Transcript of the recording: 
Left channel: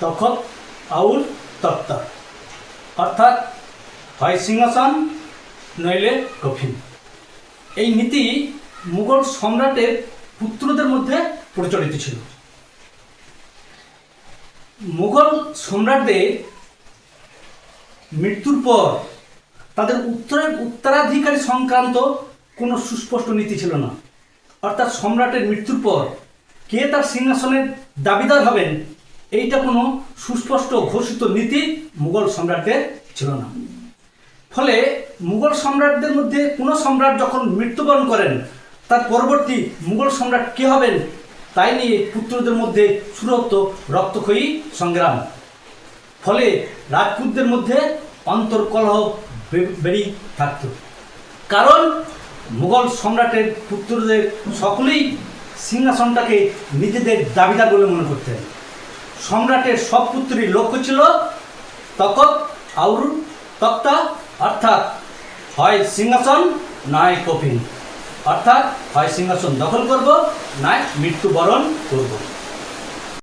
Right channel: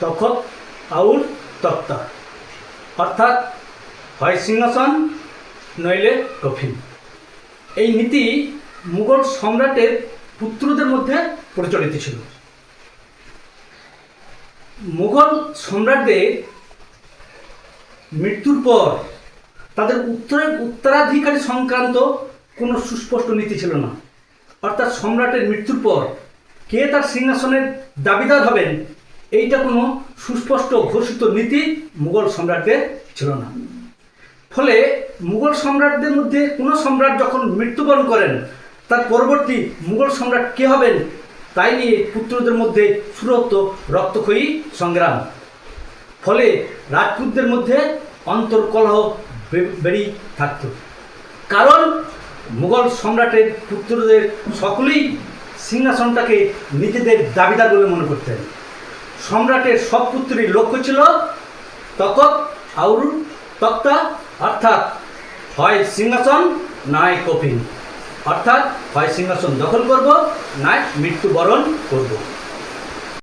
Takht our তক্তা। অর্থাৎ হয় সিংহাসন, নইলে কফিন। এই নীতি মুঘল সম্রাটের পুত্রদের মধ্যে প্রচলিত ছিল। মুঘল সম্রাটদের মৃত্যুর পর তাদের উত্তরে উত্তরাধিকারী সংক্রান্ত কোনো সুস্পষ্ট নীতি ছিল না। অর্থাৎ সম্রাটের মৃত্যুর পর কে তার সিংহাসনের দাবিদার হবেন এইটা কোনো সুস্পষ্ট ঘোষিত নীতি মুঘল সম্রাটদের ছিল না। ফলে মুঘল সম্রাটদের মধ্যে কোনো সম্রাট যখন মৃত্যুবরণ করেন, তার পরবর্তী মুঘল সম্রাট কে হবেন, তাই নিয়ে পুত্রদের মধ্যে শুরু হতো রক্তক্ষয়ী সংগ্রাম। ফলে রাজপুতদের মধ্যে অন্তর্কলহ বে- বেড়েই থাকত। কারণ মুঘল সম্রাটের পুত্রদের সকলেই সিংহাসনটাকে নিজেদের দাবিদার বলে মনে করতেন। সম্রাটের সব পুত্রীর লক্ষ্য ছিল তকত আউর তক্তা, অর্থাৎ হয় সিংহাসন নয় কপিন অর্থাৎ হয় সিংহাসন দখল করব নয় মৃত্যুবরণ করব।